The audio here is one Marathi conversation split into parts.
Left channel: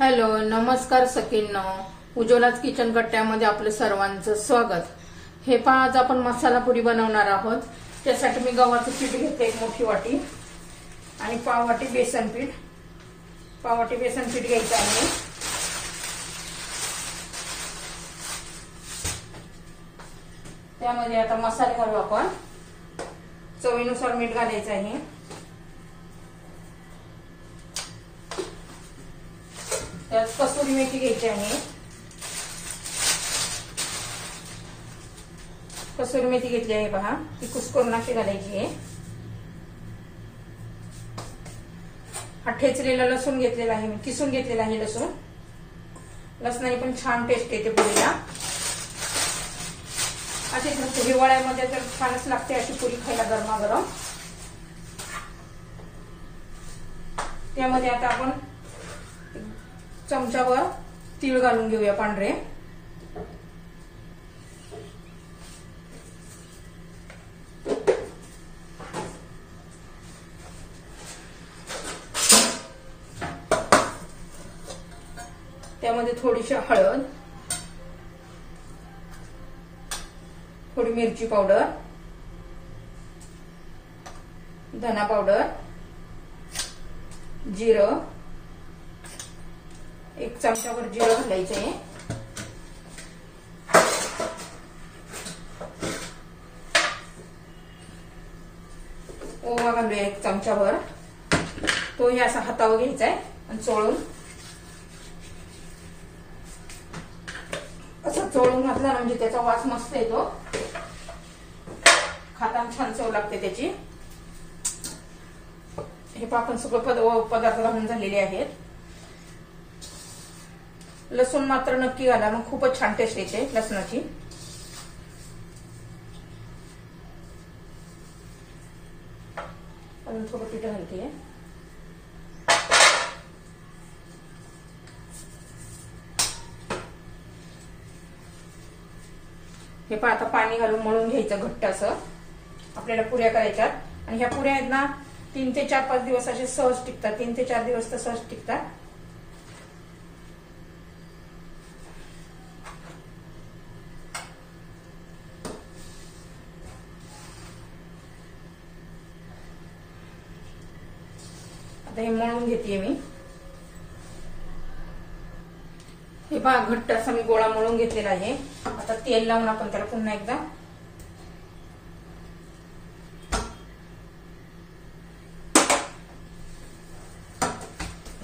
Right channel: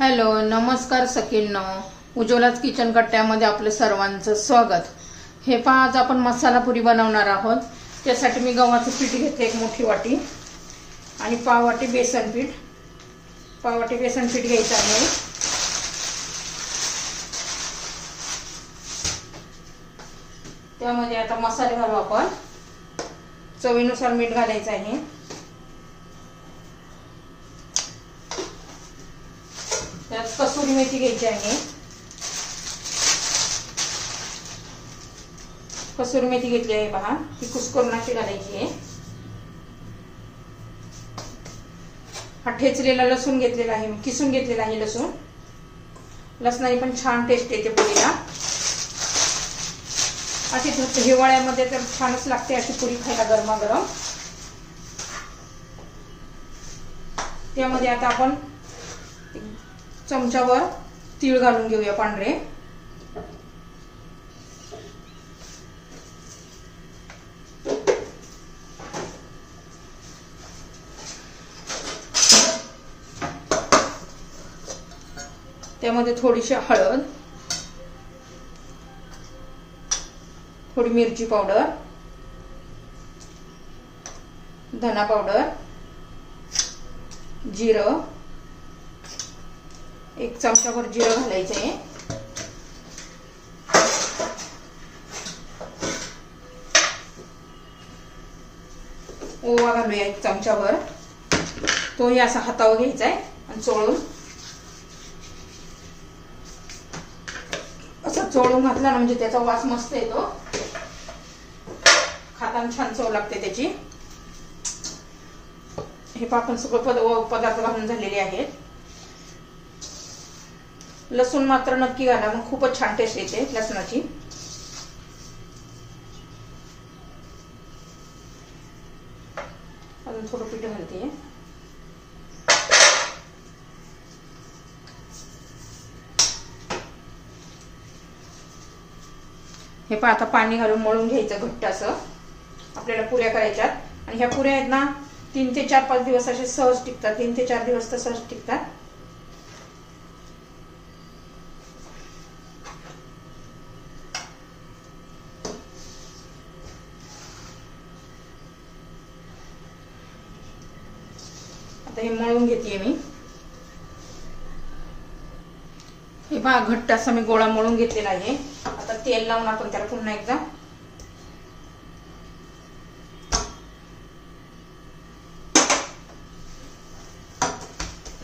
हॅलो नमस्कार सखींनो, उज्ज्वलाच किचन कट्ट्यामध्ये आपलं सर्वांचं स्वागत। हे पहा, आज आपण मसाला पुरी बनवणार आहोत। त्यासाठी मी गव्हाचं पीठ घेतले एक मोठी वाटी आणि पाव वाटी बेसन पीठ घ्यायचं आहे। त्यामध्ये आता मसाले घालू आपण। चवीनुसार मीठ घालायचं आहे। त्यात कसुरी मेथी घ्यायची आहे। कसुरी मेथी घेतली आहे पहा, ती कुस्करून अशी घालायची आहे। हा ठेचलेला लसूण घेतलेला आहे, किसून घेतलेला आहे लसूण। लसणाने पण छान टेस्ट येते पुरीला। अशी हिवाळ्यामध्ये तर छानच लागते अशी पुरी खायला गरमागरम। त्यामध्ये आता आपण चमच्यावर तीळ घालून घेऊया पांढरे। त्यामध्ये थोडीशी हळद, थोडी मिरची पावडर, धना पावडर, जिरं, एक चमचाभर जिरं घालायचं आहे। ओवा घालूया एक चमचाभर। तोही असा हातावर घ्यायचा आहे आणि चोळून असं चोळून घातला ना म्हणजे त्याचा वास मस्त येतो, खाताना छान चव लागते त्याची। हे आपण सगळं पदार्थ घालून झालेले आहेत। लसूण मात्र नक्की घाला, मग खूपच छान टेस्ट येते लसणाची। अजून थोडं पीठ घालते। हे पहा, आता पाणी घालून मळून घ्यायचं घट्ट असं। आपल्याला पुऱ्या करायच्यात आणि ह्या पुऱ्या आहेत ना 3 ते 4-5 दिवस असे सहज टिकतात। 3 ते 4 दिवस तर सहज टिकतात। आता हे मळून घेते मी। हे पहा, घट्ट असा मी गोळा मळून घेतलेला आहे। आता तेल लावून आपण त्याला पुन्हा एकदा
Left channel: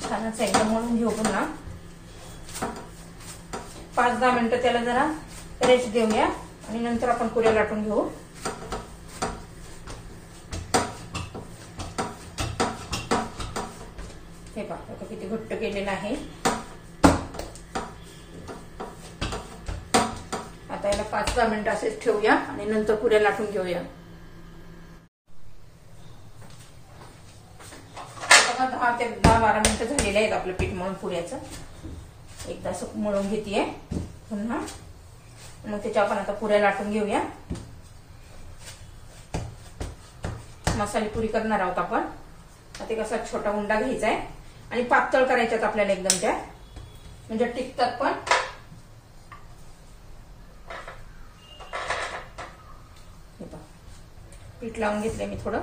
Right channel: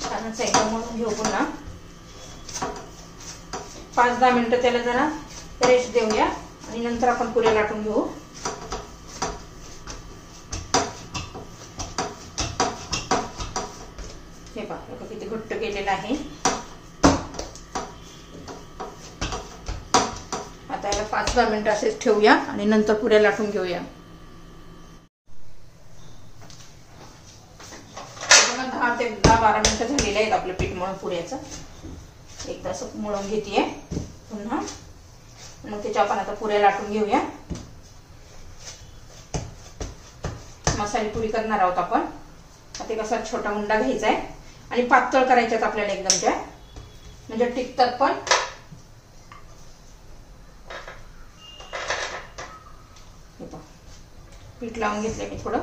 छानच एकदा मळून घेऊ। पुन्हा 5-10 मिनिटं त्याला जरा रेस्ट देऊया आणि नंतर आपण पुऱ्या लाटून घेऊ। हे पहा किती घट्ट केलेलं आहे। आता याला 5-10 मिनिटं असेच ठेवूया आणि नंतर पुऱ्या लाटून घेऊया। 10 ते 12 मिनिटं झालेले आहेत आपलं पीठ मळून पुऱ्याचं। एकदा असं मळून घेतेय पुन्हा, मग त्याच्या आपण आता पुऱ्या लाटून घेऊया। मसाले पुरी करणार आहोत आपण। आता कसा छोटा उंडा घ्यायचा आहे आणि पातळ करायच्यात आपल्याला एकदम त्या, म्हणजे टिकतात पण। पीठ लावून घेतले मी थोडं।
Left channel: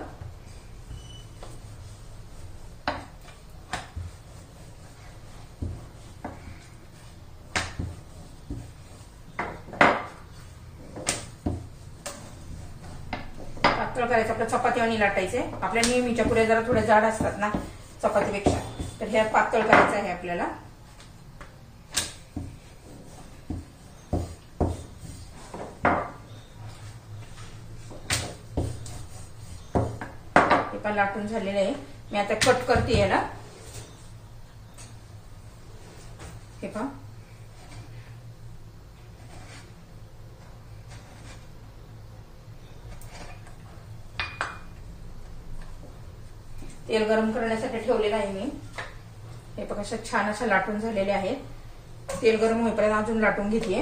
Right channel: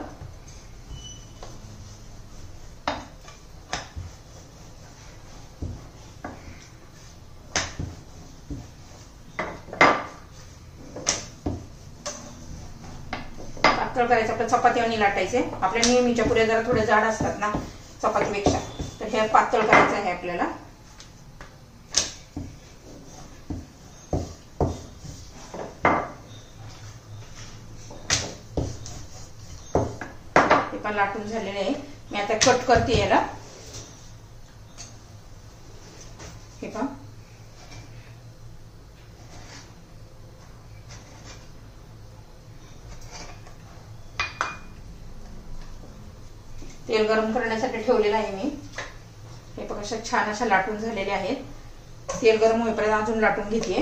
पातळ करायचं आपलं, चपाती आणि लाटायचे। आपल्या नेहमीच्या पुऱ्या जरा थोड्या जाड असतात ना चपातीपेक्षा, तर हे पातळ करायचं आहे आपल्याला। हे पण लाटून झालेलं आहे। मी आता कट करते याला। हे पहा, तेल गरम करण्यासाठी ठेवलेलं आहे मी। हे बघा अशा छान अशा लाटून झालेले आहेत। तेल गरम होईपर्यंत अजून लाटून घेते।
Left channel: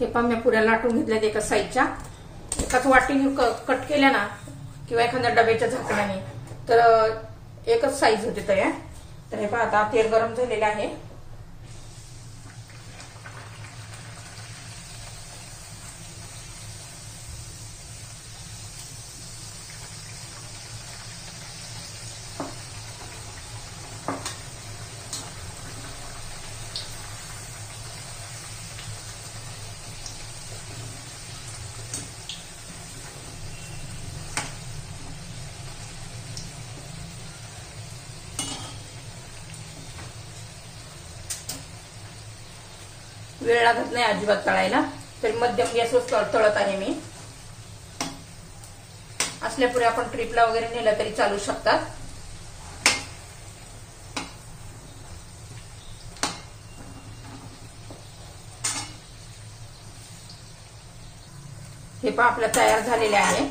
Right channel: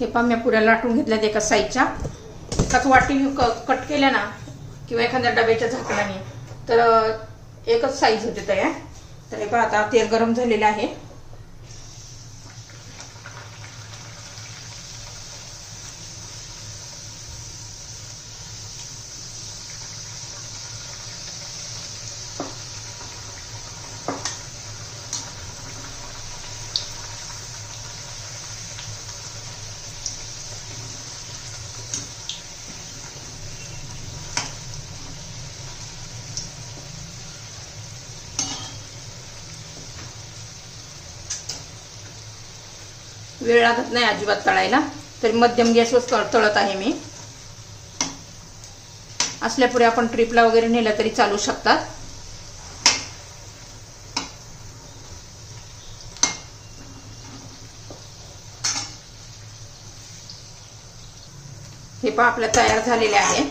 हे पहा मी पुऱ्या लाटून घेतल्यात एका साईजच्या. एकाच वाटीने कट केल्या ना किंवा एखाद्या डब्याच्या झाकणाने तर एकच साईज होते तयार. तर हे पहा आता तेल गरम झालेलं आहे. वेळ लागत नाही अजिबात तळायला. तरी मध्यम गॅसवर तळत आहे मी. असल्या पुऱ्या आपण ट्रिपला वगैरे नेल्या तरी चालू शकतात. हे पहा आपल्या तयार झालेल्या आहे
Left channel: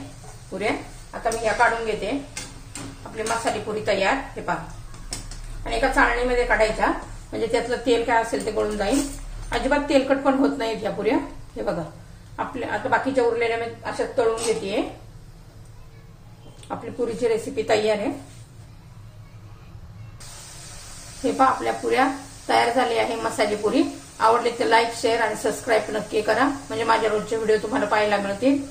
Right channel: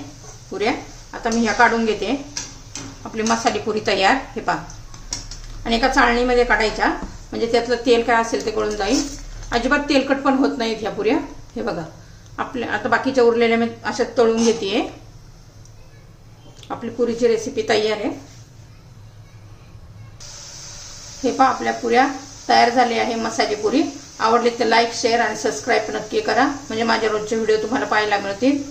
पुऱ्या. आता मी ह्या काढून घेते. आपली मसाली पुरी तयार. हे पहा आणि एका चाळणीमध्ये काढायच्या म्हणजे त्यातलं तेल काय असेल ते गळून जाईल. अजिबात तेलकट पण होत नाहीत ह्या पुऱ्या. हे बघा आपल्या आता बाकीच्या उरलेल्या मी अशा तळून घेते. आपली पुरीची रेसिपी तयार आहे. हे पहा आपल्या पुऱ्या तयार झाल्या आहे मसाली पुरी. आवडली तर लाईक शेअर आणि सबस्क्राईब नक्की करा म्हणजे माझ्या रोजचे व्हिडिओ तुम्हाला पाहायला मिळतील.